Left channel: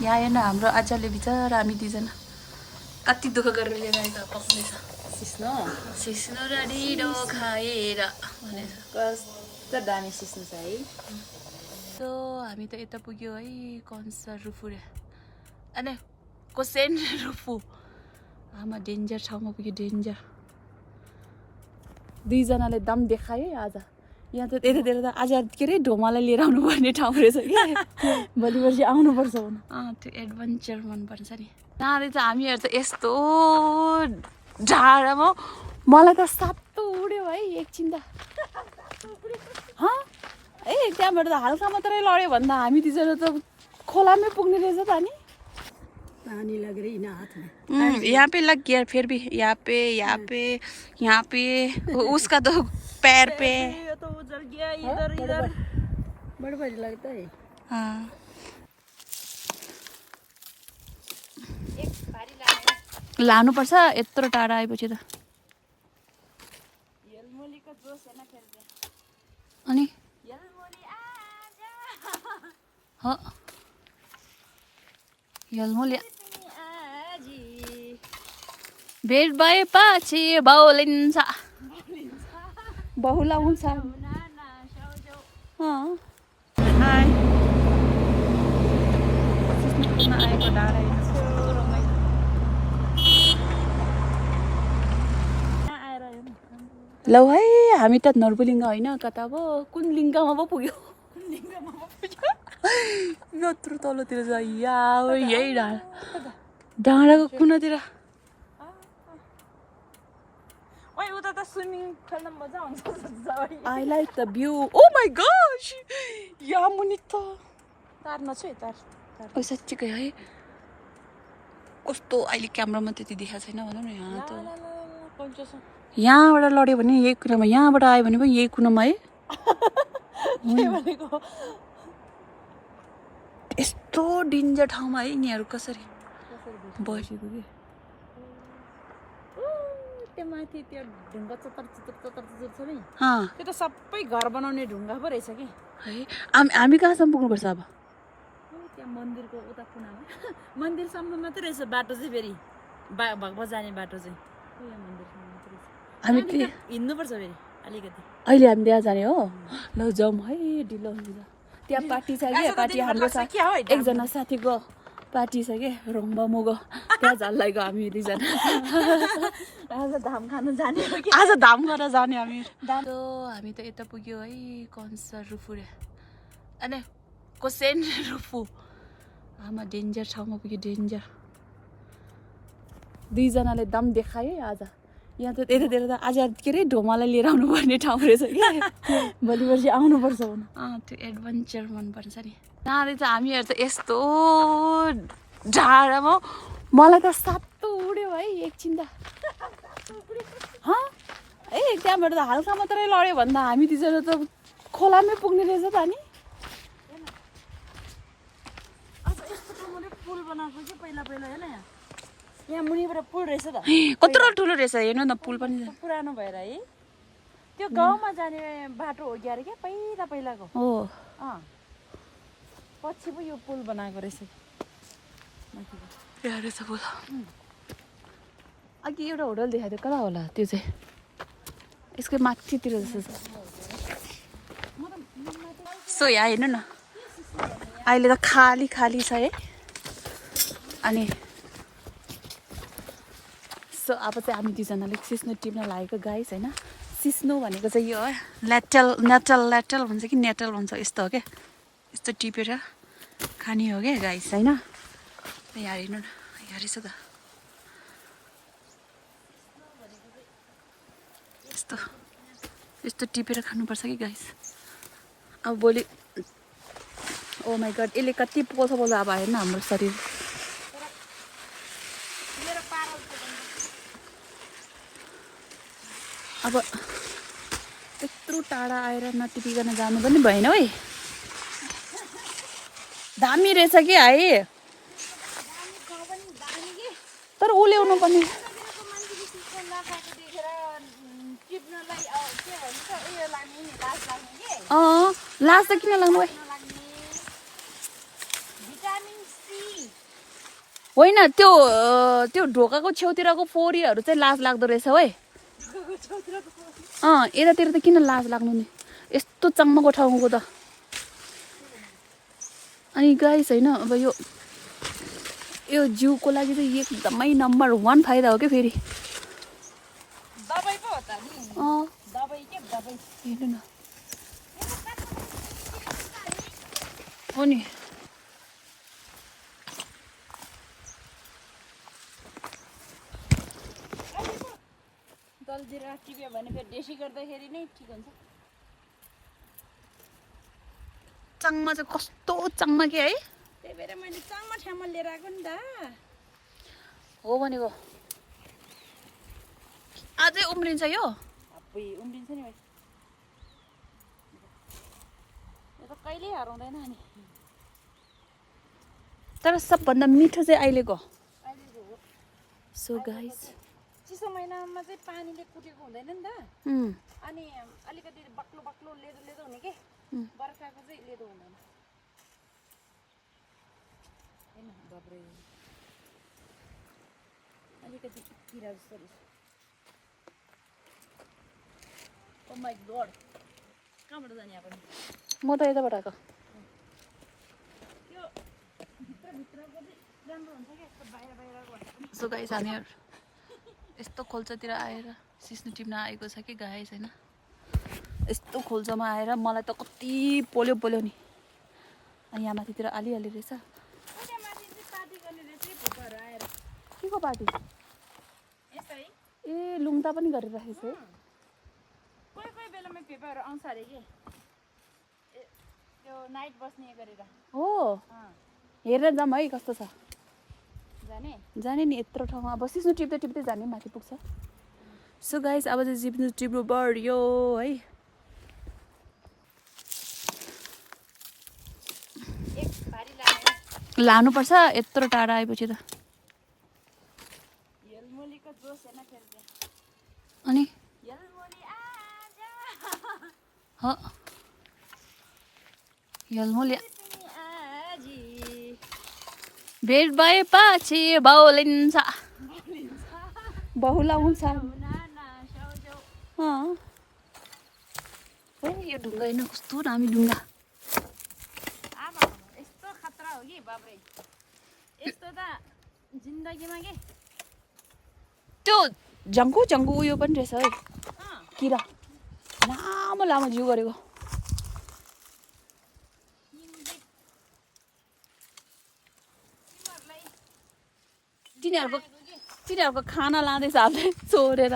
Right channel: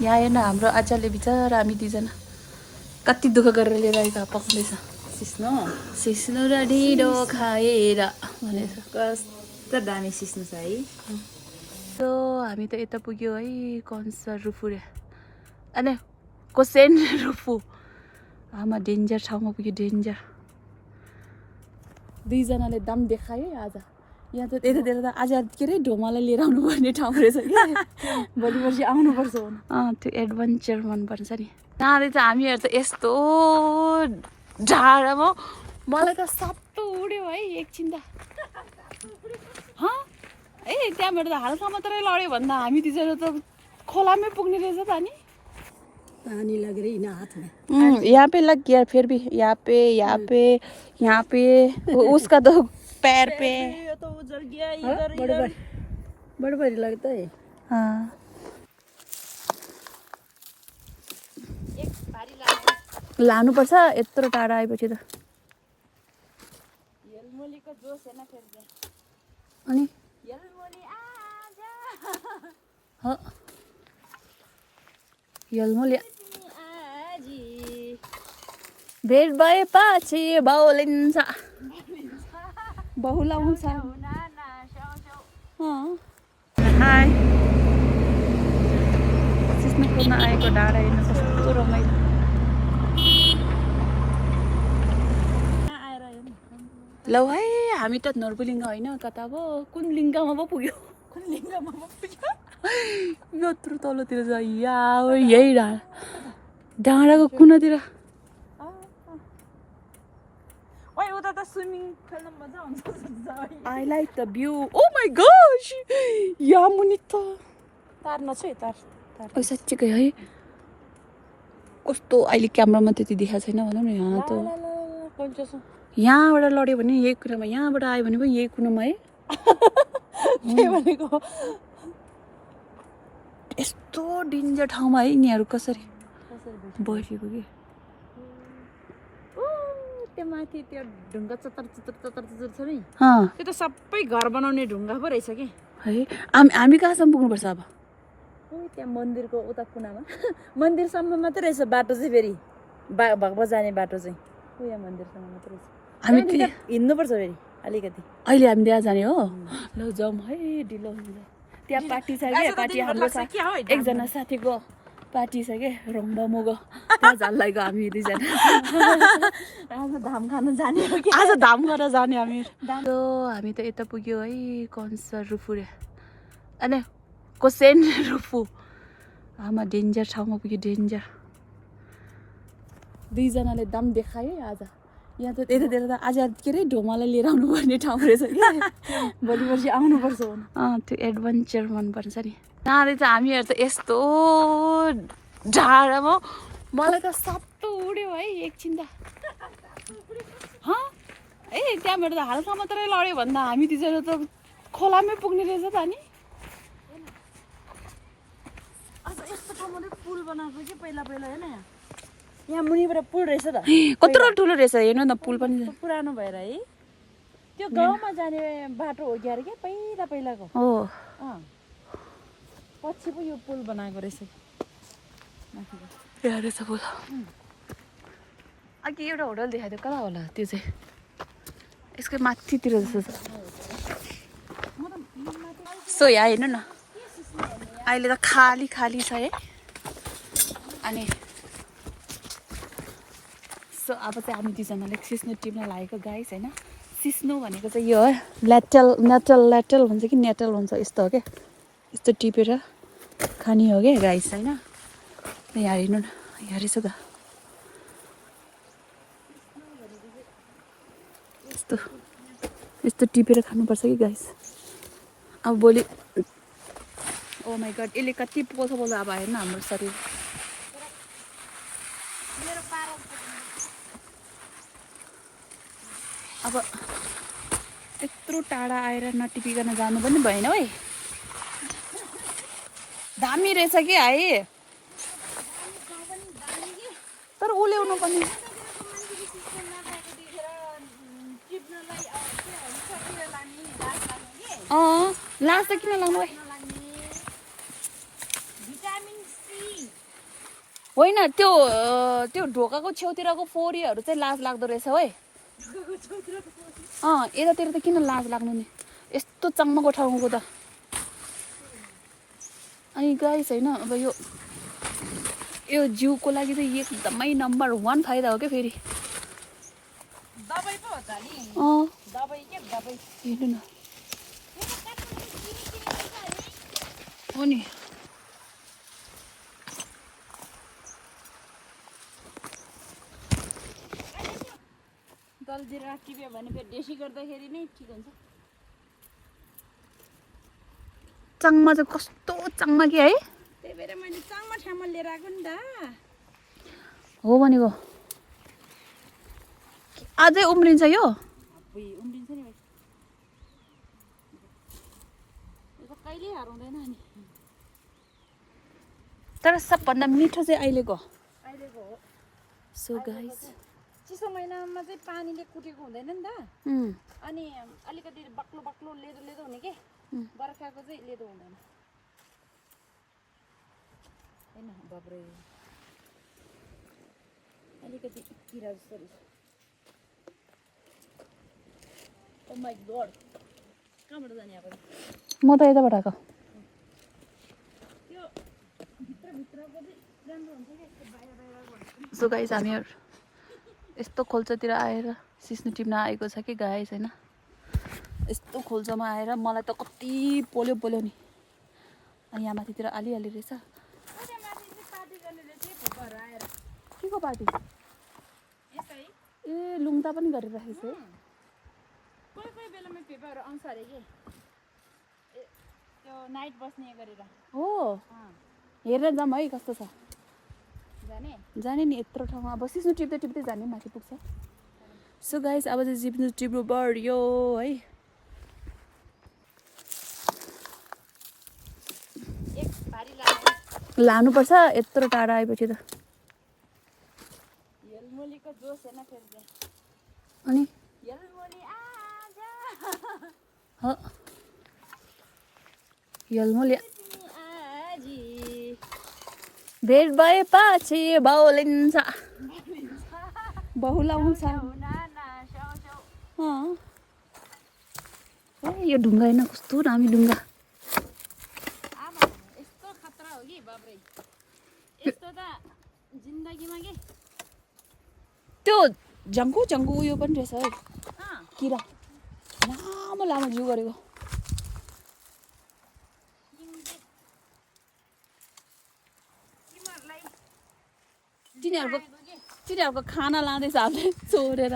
यहाँ हेर्न हाम्रो आजले बिचरा हामी दुईजना कति दुःख गरेर लिएर आएको पक्रिएछ सिस्नो र ढिँडो खाएर भनेर कस्तो दामी सिस्नु छ है। सो हामी त यता पुग्यो है कन्सर रुफु रे अनि कोसेन रुफु आमा डेन्जर ठाउँमा पुग्यो डेन्जर दुईजनाले दम देखायो है आज यहाँ त यतातिर त आज के अरे ढोमालाई लिएर आउनुपर्ने ठाउँ रहेछ कि भोलि पर्सि आउनुपर्छ त्यो एडभेन्चर मनपर्छ नि नारे चाहिँ हामीहरू त यस्तो झाडामा मलाई त सातो उड्यो है एकछिन त ए त्यहाँबाट त हल्का मात्रै लड्यो भन्दा हामी तिनीहरू त खोलामै पुग्ने रहेछ त अनि पानी लग रही ना हाथ में। यहाँ पे लग गया फिर भी यहाँ पे उसका तो पैर पे ये तो उजल गया इधर इधर बड़ी लगता है। हाँ लानुपर्छ यत्रो टाढा आएपछि त यलमोलीको जोस हैन फेरि अनि यलमोली आजा हो यलमोली भेट भएपछि बाउलिन्छ बहुलाउँछ हाई सिस्नुपुरमा आएको डाँडा हेर्नु कस्तो रमाइलो लौ है हामी त नर्बुलिङ्ग होइन कता अब कुन लिङ्गमा पो पुग्यो यत्रो तलतिर छ यही डाँडाको कुनातिर ओइ उता त स्विमिङ खेल्न मजा आउँछ। I like the view oh my gosh यहाँ मुनि त तार्न छ तार साँच्चीकै है कस्तो अहिले क्यामेरामा त्यति देखाएको छैन भनौँ न यहाँ त यहाँबाट लड्यो भने यही कुनामा यहाँबाट आयो भने पनि यही कुनामा है यस्तो डेन्जर ठाउँमा है यिनीहरू कसरी बसेको कि त्यो माथि त्यो ढुङ्गा चतर छ नि अँ त्यो त सबै घर बनाउने ढुङ्गा पो रहेछ कि है हामी कहाँसम्म पुग्नुपर्छ अब त्यहाँ मन्दिरको उता कुनामा मन्दिरसम्म मात्रै रहेछ बाटो चाहिँ फेरि भगवा जाने बाटो चाहिँ यहाँ मन्दिरसम्म मात्रै रहेछ हामी हिँड्नुपर्छ फेरि अलिकति अहिले हामी त्यहाँ जाने हो ल जाउँ है ढिलो हुन्छ त्यहाँ पार्टी छ क्या पार्टी हाम्रो एकजना साथीको पार्टी छ क्या रोङ्बा मुगो त्यहाँ झल्लाई गयो हामी दुईजना आज धाम खानु जाने हो कि आज धाम गरेर जाने हामी त यता पुग्यो है कन्सर रुफु रे अनि कोसेन रुफु आमा डेन्जर ठाउँमा पुग्यो डेन्जर दुईजनाले दम देखायो है आज यहाँ त यतातिर त आज के अरे ढोमालाई लिएर आउनुपर्ने ठाउँ रहेछ कि भोलि पर्सि आउनुपर्छ त्यो एडभेन्चर मनपर्छ नि नारे चाहिँ हामीहरू त यस्तो झाडामा मलाई त सातो उड्यो है एकछिन त ए त्यहाँबाट त हल्का मात्रै लड्यो भन्दा हामी तिनीहरू त खोलामै पुग्ने रहेछ त अनि यस्तो ठाउँमा पुल बनाएको कि पहिला हेर्न यहाँ मुनिबाट पुल रहेछ त कत्रो ठुलो रहेछ हेर्नु न पुल पनि पुरानो भएर है त्यो गाउँमा जाने बाटो हो क्या अरे क्या पहिलाको हो पछि पो यो पुल बनाएको रहेछ यहाँ रहेछ पुल अघि एउटा होटल देखाएको थियो कता होला त्यो चाहिँ यसको माथितिर जस्तो छ सो यहाँ हेर्नु न अहिले त खाली छ है अनि सो अब चाहिँ हामी दुईजनाले सिस्नो टिप्न लागेको गाइस होइन सिस्नो भनेको चाहिँ यो हो नेटल भन्छ कि नेटल भन्छ यस्तो हो क्या यस्तो टिपेर खाने हो क्या गाइस होइन यहाँ हेर्नु न यहाँ रहेछ त यस्तो टिपेर खानुपर्छ कि गाइस अब भोलि ओ माई गड यसले कति पोल्छ अब हेर्नु हाम्रो शरीर अब यत्रो टाढा आएर नटिपिकन जानु पनि भएन है दामी रहेछ कि है तर उल्याउनु पनि लास्ट त किन लाग्नु होइन त्यो त्यो ढोकाको छेउतिरको फोरीहरू चाहिँ लाज लाग्दो रहेछ है यतातिर त किन लाज लाग्नु नि यस्तो चम्मको ठाउँको त अनि गाइस होइन अब यो जिउको लागि चाहिँ एकदमै नम्बर 1 फाइदा हो क्या फेरि हेर्नु न हो नि दलजिरा टिप्यो भने फेरि देसी गर्दाखेरि नै ठिक हुन्छ चाङमा चाहिँ कस्तो चाङमा कि है त्यही भएर मैले चाङमा ठाउँमा लिएर आएको नि त हो भनेको अझै उम्रिन्छ यो अब्बुई उम्रिन्छ नि भाइ यो त कहिल्यै हराउँदैन नि तर सबभन्दा मिठो चाहिँ अहिलेको हो सो गाइस चिसो महिनामा चाहिँ पानीले कुटेको हुँदैन नि त अनि अलिकति बाक्लो बाक्लो लेदो लेदो हुने के बर्खाको चाहिँ लेदो हुँदैन होइन बाब्रे अलिकति किरा जस्तो रहेछ ओ माई गड कहाँबाट जाने अब म त यताबाट आएको त्यो भित्रको चाहिँ राम्रो हुन्छ कि यस्तो बाहिर बाहिरको सो गाइस हामीहरू यस्तो खोल्चातिर आएर सिस्नु टिप्न आएको छ कि गाइस होइन यस्तो खोल्चामा आएर मलाई त कति पोल्यो पोल्यो नि अनि यहाँ माथितिर आलिहाल्ने रहेछ के को पार्टी ए लुङ्ता पनि गरिराखेको छु कोही कोही बेलामा पेपरहरू आउँछ अरे कि त्यो नाइट बस्ने गरेर हो हेरेर जाऊँ है कस्तो छ जाने नि यत्रो ठाउँमा अब सिस्नु टिप्दै टिप्दै जाने माथि पुग्छ सो गाइस अब चाहिँ सिस्नु टिप्नु बढ्यो है लानुपर्छ यत्रो टाढा आएपछि त अनि यलमोले भेट भएपछि बाउलिन्छ बहुलाउँछ ए यो ढुङ्गा होइन कस्तो दामी ढुङ्गा यस्तो खतरा हो कि बाब्रे यस्तो त जिन्दगीमा के त्यो जङ्गु जङ्गु उयो पनि रहेछ है किरा लामो लामो जिउ गरेको तिनीहरूको खाना लाँदैछ हामीले चोरेर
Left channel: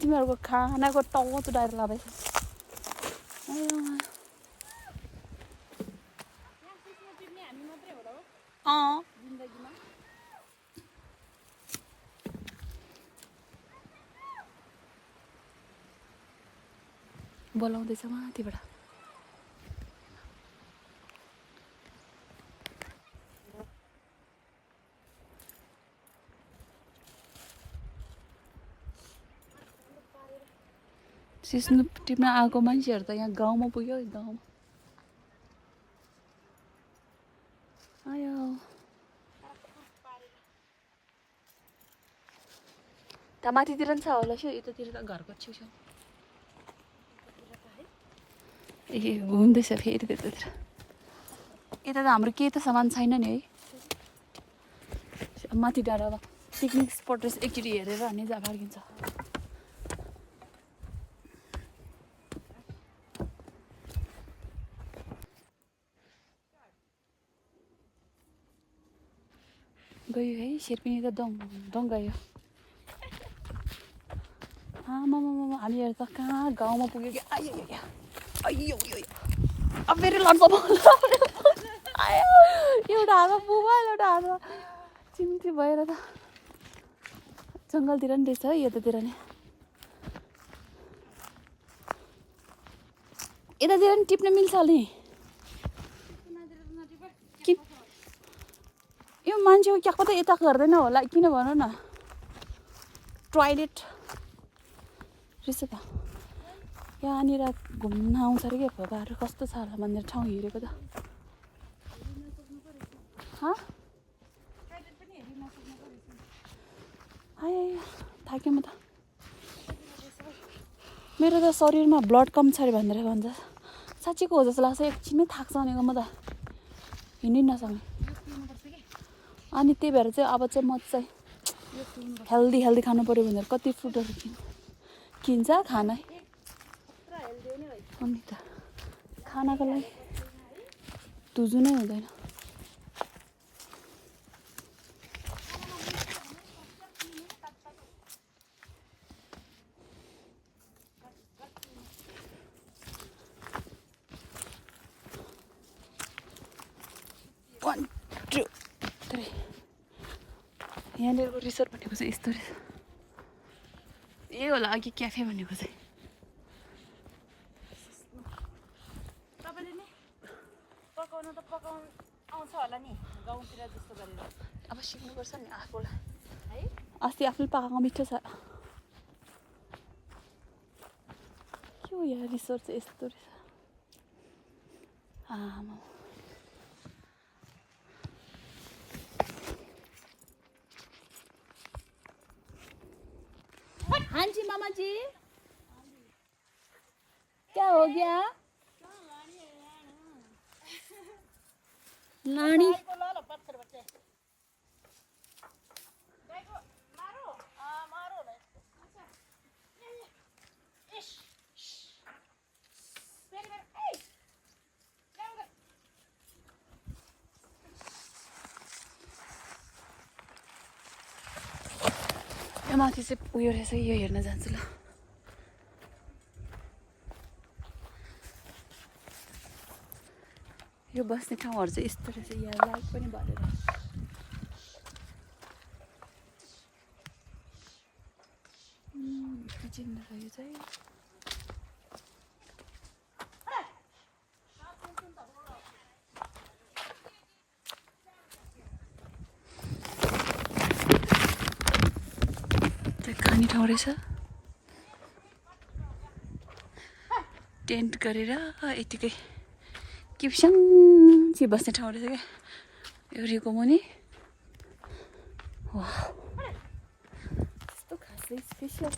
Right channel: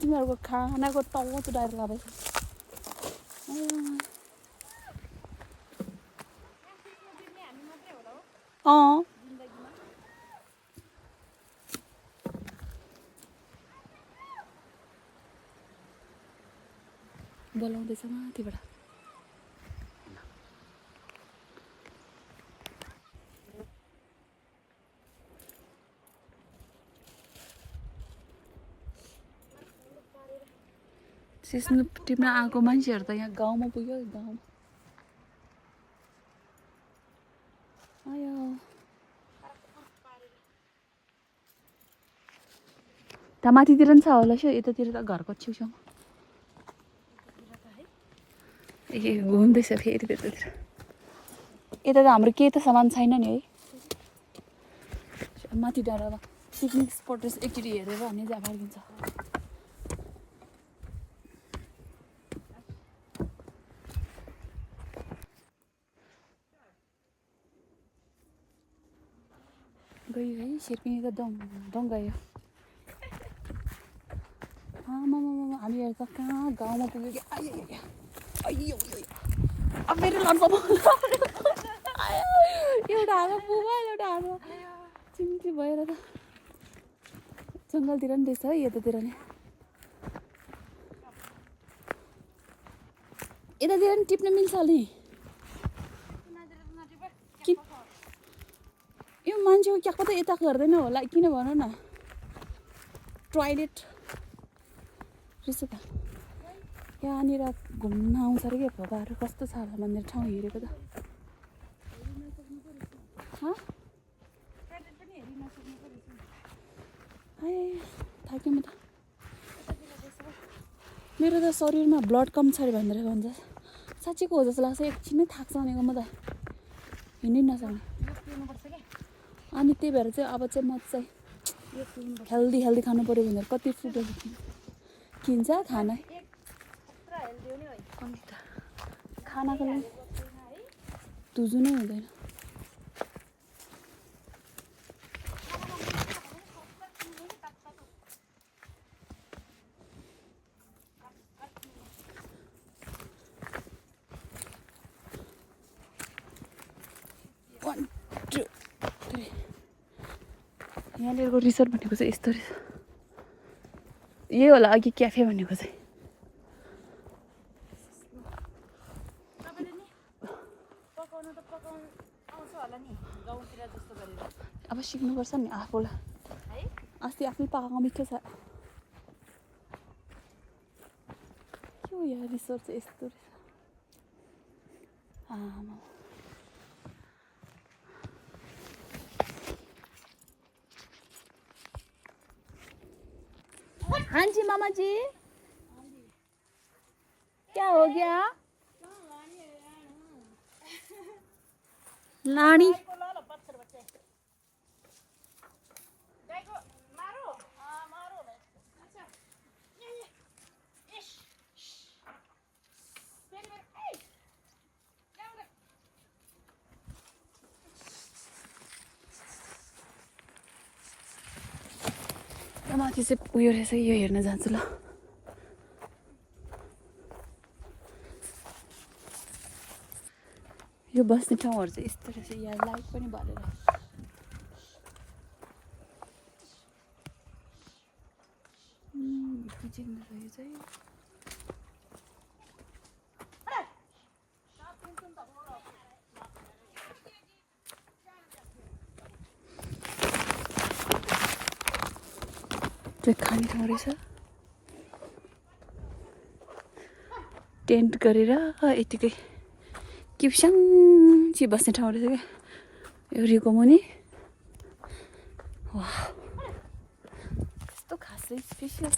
तिमीहरूको खानाको टाउ चुटाएर लाँदैछ बोलाउँदैछ माथिबाट सिस्नु टिप्न आएको मान्छेहरू त यहाँ गाउँमा पुग्यो गाउँमा आयो त्यहाँ माथितिर पनि छ होला सो यतातिर त घरको छेउछाउ ए घुम्दैछ फेरि त्यतातिर यता त हाम्रो केही त सामान छैन नि है माथि डाँडामा पिकनिक स्पट रहेछ एकचोटि हेरेर हामी जहाँ फर्किन्छ गयो है शेर्पिनी त दङ गयो हामीहरू त कहाँ गाउँमा पुग्यो कि आयो अब फेरि लड्छ एउटा हातमा पुमा एउटा हातमा चिम्टी भएर त जङ्गलतिर नि रहेछ है यतातिर नि यतातिर नि टिप्न मिल्छ अलि यो मान्छेको क्याको त यता गर्दैन होला किन भन न टोयलेट रहेछ त यहाँनिर घुम्न आउँछ अरे क्या भोगाहरू कस्तो छ होला भनेर ठाउँ हेरेको त थाकेँ म त मेरो त शरीरमा ब्लड कम छ अरे भनेर भन्छ साँच्चीको हो जस्तो लाग्छ एकछिनमै थाक्छ भनेको म त हिँड्नै नसक्ने अनि त्यही भएर चाहिँ अब चाहिँ म चाहिँ हेल्दी खानु पऱ्यो भनेर कति फ्रुटहरू किन्छ खाना अनि त खानाको लागि तुजु नै हुँदैन One, two, three. यहाँनिरको रिसोर्ट भनेको चाहिँ यस्तो रहेछ यही होला अघि क्याफे भनेको चाहिँ अब सिक्नुपर्छ नि आफूलाई अस्ति आफूले पकाएको मिठो छ के हो यहाँ रिसोर्ट चाहिँ यस्तो रहेछ आमा हाँ जी मामा जी क्या हो गया लानी माथि चाहिँ उयो रहेछ यो हेर्न जान्छु ल यो बस्ने ठाउँहरू चाहिँ यस्तो रहेछ यहाँ लाइट पनि बलेर किचन रहेछ यो चाहिँ खाने ठाउँ रहेछ टेन्ट गरेर यतिकै किप्सिङ बस्ने ठाउँ रहेछ क्या एउरीको मुनि यस्तो खासै स्पेसल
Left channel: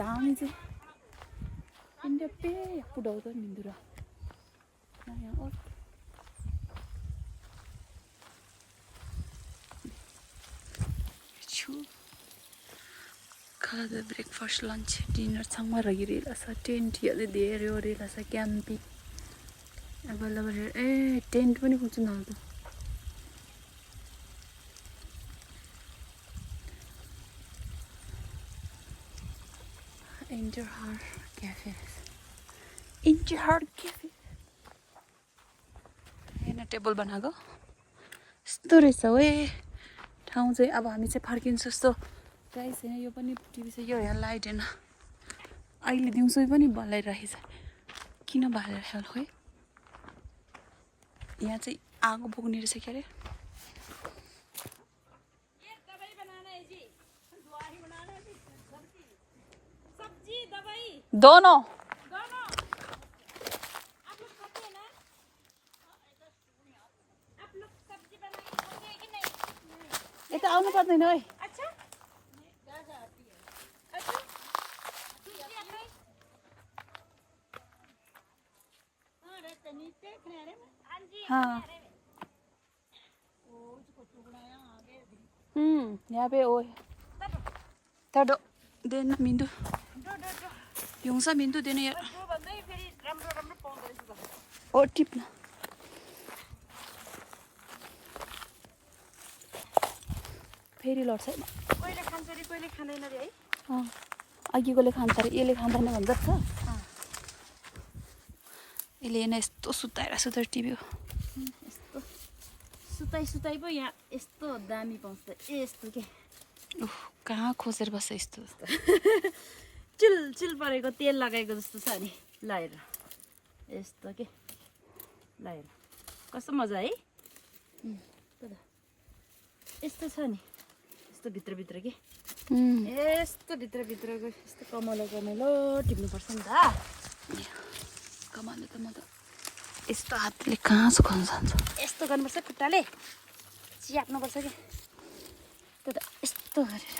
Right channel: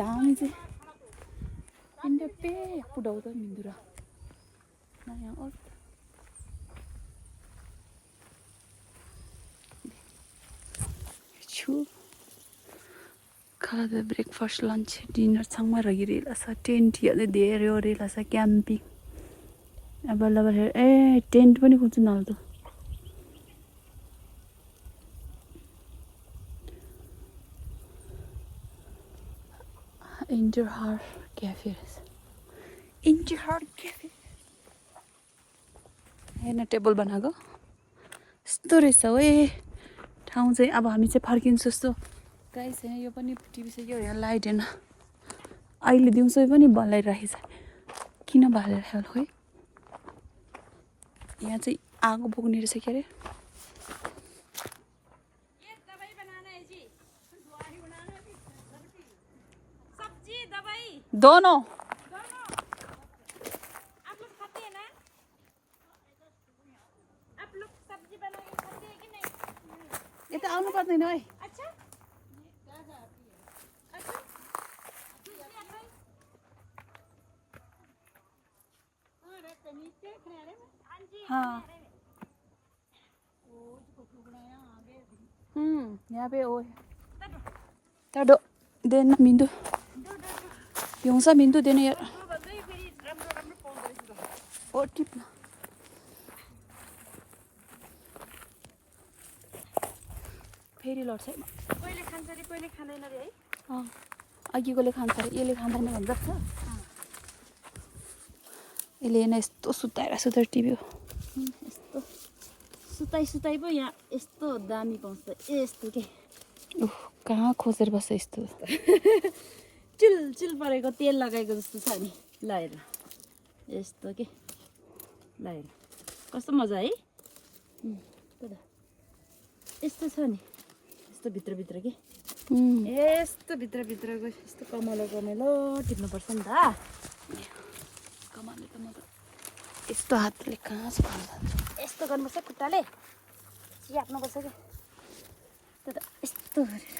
दाम चाहिँ इंदा पे पुडौदा mindura na yang ot chu खाजा ब्रेकफास्ट लन्च डिनर सँगमा रहिरहेछ टेन्ट याले धेरै ओरेछ क्याम्पिङ अब लबर ए टेन्ट पनि खोज्नु नल्दो इन्जर हार क्याफे इन्जर हार क्याफे हेर्न टेबल बनाएको यस्तो रहेछ है ठाउँ चाहिँ अब हामी चाहिँ फर्किन्छौँ जस्तो गाइस हैन यो पनि टिभी चाहिँ यो यहाँ लाइट हैन अहिले दिउँसो पनि बलाइरहेछ किन बलाइरहेछ होला खोइ यहाँ चाहिँ आगो बोक्ने रहेछ के अरे दोनों यता आउनु पर्दैन है हाँ यहाँ पे वो ताडो देन मिन्दु पिउँछ मिन्दु देन यार ओ टिप्न फेरि लड्छ पहिले खान्छ रे पहिले खाँदैन रे है अघिकोले खान्छ रे यसले खाँदैन भन्छ यसले हैन यस्तो सुताएर टिभी हो यस्तो सुताई पो यहाँ यस्तो दामी पाउँछ यस्तो के उफ कहाँ खोजेर बस्छ यस्तो चिल परेको तेल लगाएको जस्तो छ नि लाएर यस्तो के लाएर कस्तो मजा है यस्तो छ नि यस्तो भित्र के यस्तो भित्रभित्रको यस्तो कमलो कमलो टिप्नुपर्छ नि त कमाले त म त यस्तो हातले कहाँ सुकाउन जान्छ यस्तो गर्नुपर्छ खुट्टाले च्याप्नुपर्छ कि त्यो त यस्तो गरेर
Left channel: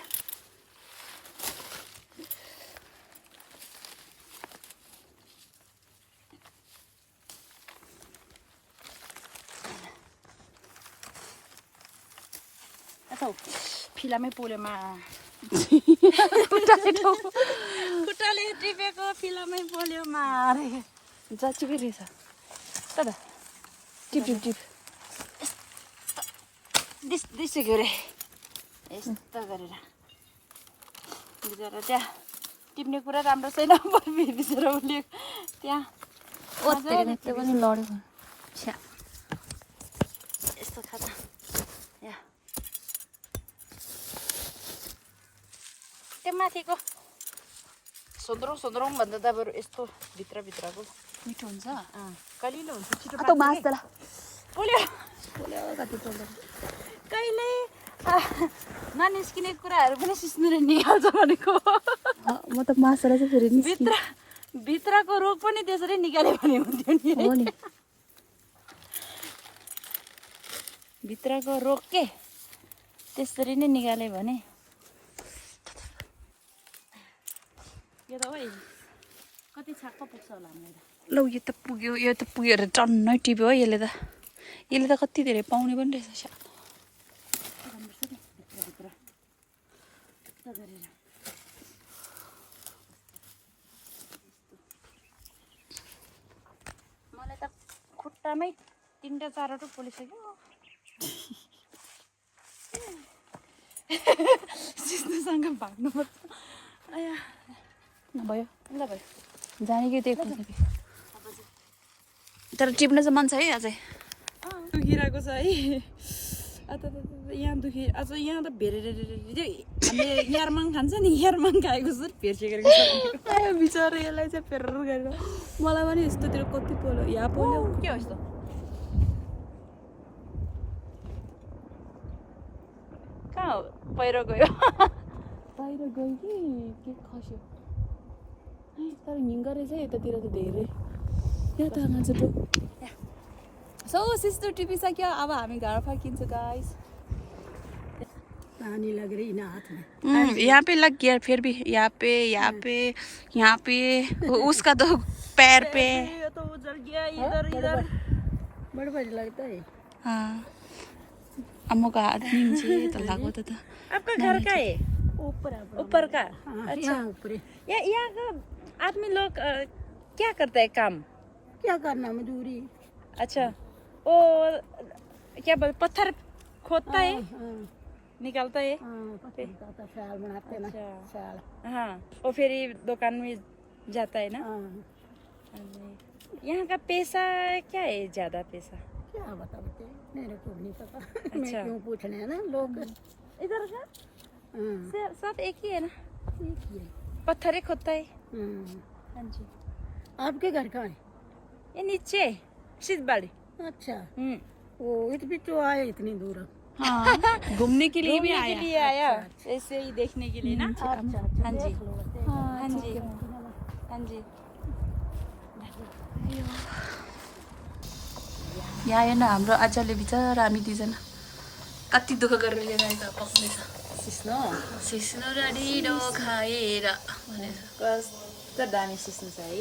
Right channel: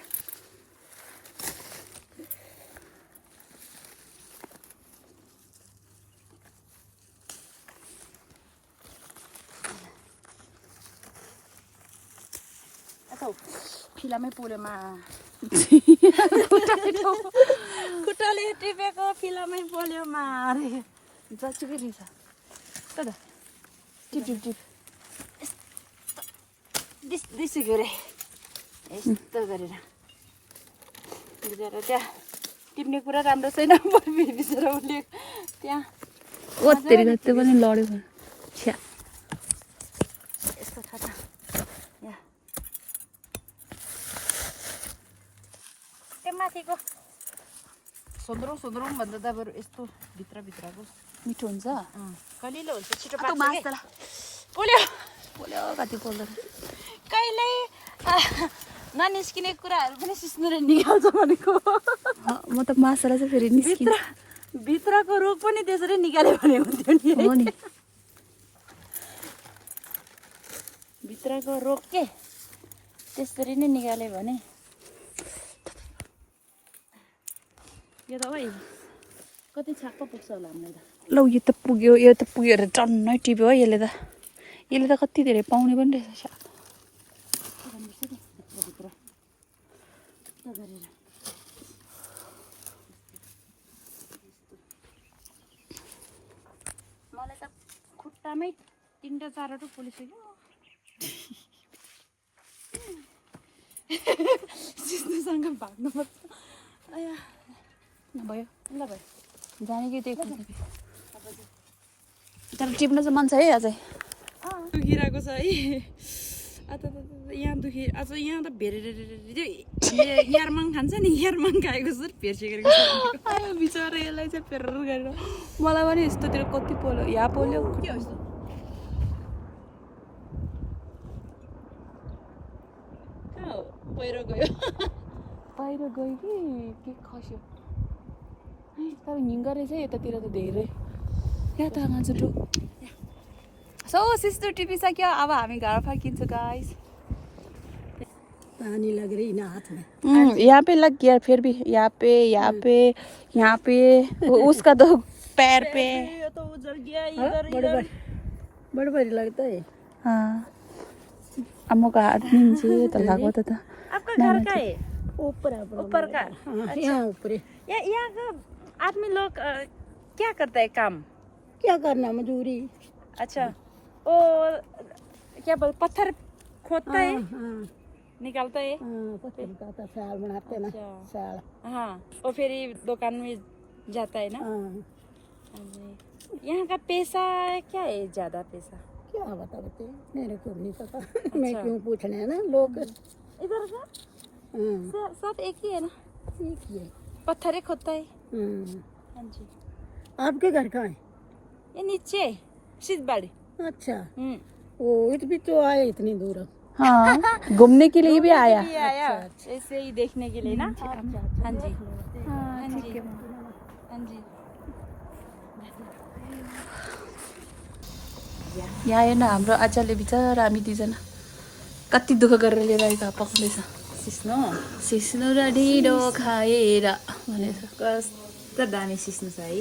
फिलामै पोलेमा खुट्टाले टिपेको फिलामै पोल्यो मारे जाचुकै रहेछ तर टिप टिप टिप दिइसक्यो रे यस्तो गरेर त्यहाँ टिप्ने कुरा राम्रो छैन बिचरा उसले त्यहाँ ओत्तेरी त्यो पनि लड्यो छ्या यस्तो छ त यहाँ त्यो माथिको सोन्द्रौँ भन्दा त अब यस्तो भित्रभित्रको मिठो हुन्छ कलिलो हुन्छ छिटो त मास त पोल्यो पोल्यो कति पोल्यो कहिले ननिस्किने कुराहरू पनि सिस्नु र निकाल्छ भनेको म त मासुलाई चाहिँ फेरि भित्रको रोग पनि त्यसरी निकाल्यो भने हुन्थ्यो नि भित्रको रोग के त्यसरी नै निकाल्यो भने यो त ओइ कति छाक पो पुग्छ होला हामीलाई ल यो त पुग्यो अरे टन्नै टिप्यो है यसले त कति धेरै पाउने पनि रहेछ छ्या गर्नुपर्छ नि भित्रभित्र गरेर मलाई त खुट्टामै 3टा 4वटा पोलिसक्यो सिस्नुसँग भाग्नुपर्छ भयो ल भयो जाने कि त्यही तर टिप्न चाहिँ मन छ है अझै दुखिरहेको छ है यहाँ दुखी अझ यहाँ त भेरेर हामीले यारमाङ खान्छ नि यारमाङ खाएको छ भेर्सेको आयो बिचरा यसलाई चाहिँ फेर गरेर मलाई पनि यस्तोतिर कति पोल्यो यहाँ पोल्यो के हो यस्तो कहाँ पहिरो गयो बाहिर गयो कि खस्यो तर हिँड्दो रहेछ यतातिर त धेरै क्या त मान्छे सो सिस्टर टिपिसक्यो अब हामी घर फर्किन्छौँ गाइस पानी लग रही ना हाथ में यहाँ पे लग गया फिर भी यहाँ पे उसका तो पैर पे ये तो उधर गया इधर बड़बड़ लगता है हाँ अम्मको हात निम्चे त लागो त आपका घर का है ऊपर का अच्छा ऊपर यहाँ का आदमी लोग क्या करता है काम क्या करना मजदूरी अच्छा और क्या बोल पत्थर खोदता है निकालता है पत्थर निकालता साल बनाते ना साल हाँ और फिर दुकान में जाता है ना यहाँ का पैसा क्या है ज्यादा पैसा क्या बताते मेरे को नहीं पता मैं क्यों पूछने है ना लोग इधर का सब एक ही है ना एक ही है पत्थर ही खोदता है हाँ जी आपके घर कहाँ है ये नीचे सिद्धबाड़ी अच्छा वो भी तो आए इतनी दूर हाँ घूमने के लिए भी आया ऐसे ही देखने के लिए ना हाँ जी हाँ जी हाँ जी यहाँ हेर्न हाम्रो आजले बिचरा हामी दुईजना कति दुःख गरेर लिएर आएको पक्दैछ सिस्नो र ढिँडो खाएर भनेर कस्तो दामी सिस्नु छ है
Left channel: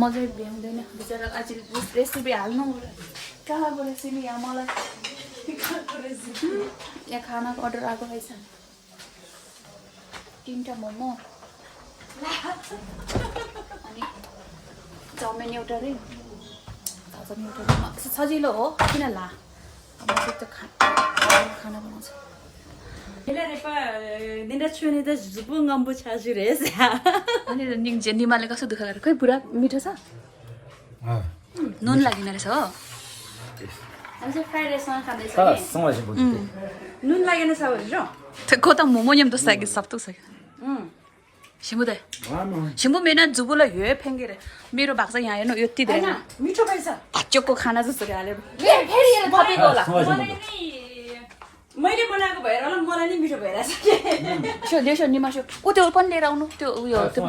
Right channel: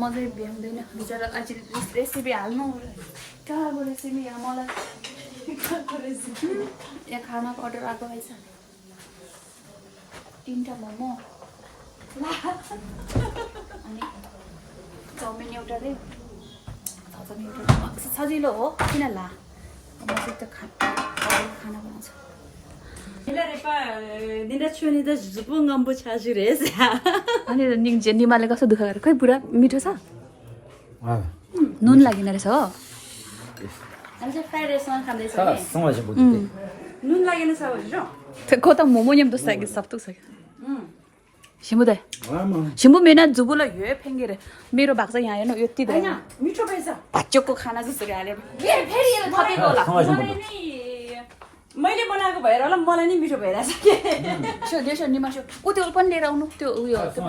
मजा भ्याउँदैन बिचरा आज रेसिपी हाल्नु कहाँको रेसिपी यहाँ मलाई यहाँ खानाको अर्डर आएको रहेछ 3टा मोमो अनि चाउमिन एउटा रे सजिलो हो किन ला अब चाहिँ त खाना बनाउँछ अनि निमाले कस्तो दुःख गरेर खै पुरा मिठो छ नुन लागेन रहेछ हो नुन लागेन छ भनेर 그거 다 모모님도 싸게 쌉도 싸게. 시무대. 시무 मेरा जुबुला यो फेंगेर मेरो भाग चाहिँ यहाँ हेर्नु यति धेरै मिठो भएछ भाचोको खाना जसरी हालेर फेरि यसले थपेको होला मैले बनाएको भएर होला मलाई नि मिठो भइरहेछ यसो निमासो ऊ त्यो पनि लिएर आउनु त्यो उयो त्यो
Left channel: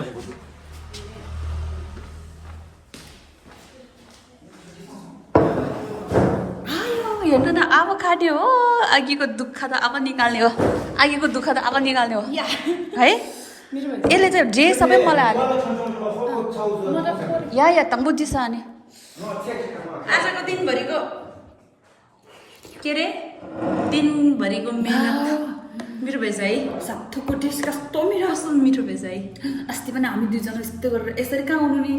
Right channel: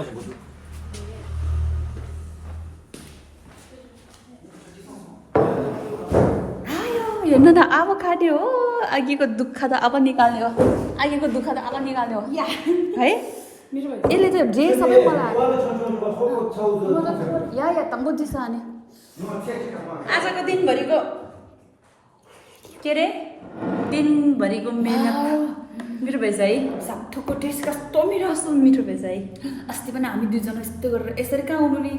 आयो हेर्नु त अब खाट्यो हो अघिको दुःख त अब निकाल्ने हो अघिको दुःख त अब निकाल्ने हो है यसले चाहिँ जे सबै मलाई हाल्यो या त बुझिस अनि आजको दिनभरिको के अरे दिनभरिको मेहनत मिठो भएछ है साथोको टेस्ट कस्तो मिठो कस्तो मिठो भएछ है अस्ति पनि हामी दुईजना यस्तो गरेर यसरी कहाँ आउनु नि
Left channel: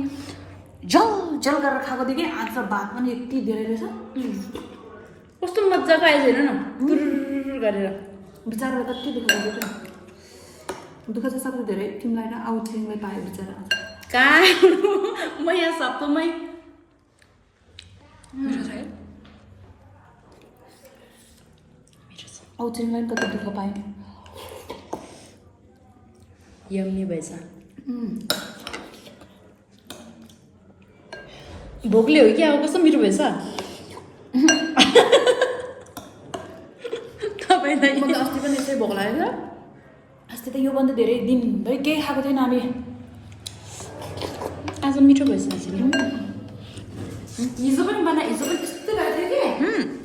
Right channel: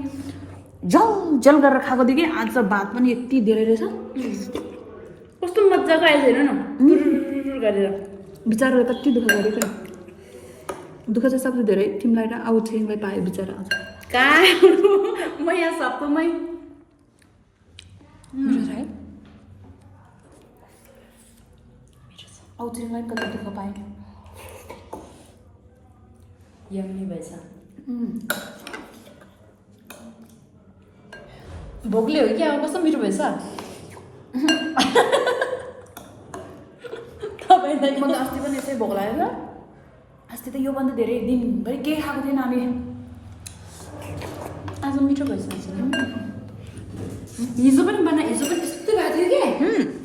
जल जल गरेर खाएको थियो कि आज भात पनि यति धेरै रहेछ कस्तो मजाको आएछ हेर न पुरुर गरेर बिचरा कति दुःख गरेको दुःख चाहिँ सबसे धेरै तिमीलाई र आउ छिरिङलाई पायो बिचरा आज कहाँ म यहाँ सप्तमै मिठो छ है आउ छिरिङलाई कति दुःख पायो यम्मी भएछ भोकले हो कि अब कस्तो मिठो भएछ तपाईँलाई मलाई अस्ति पनि यसै भोक लागेको अस्ति त योभन्दा धेरै दिनभरि केही खाएको थिएन हामी आज मिठो भएछ हिजो पनि त्यस्तो भएको थियो कि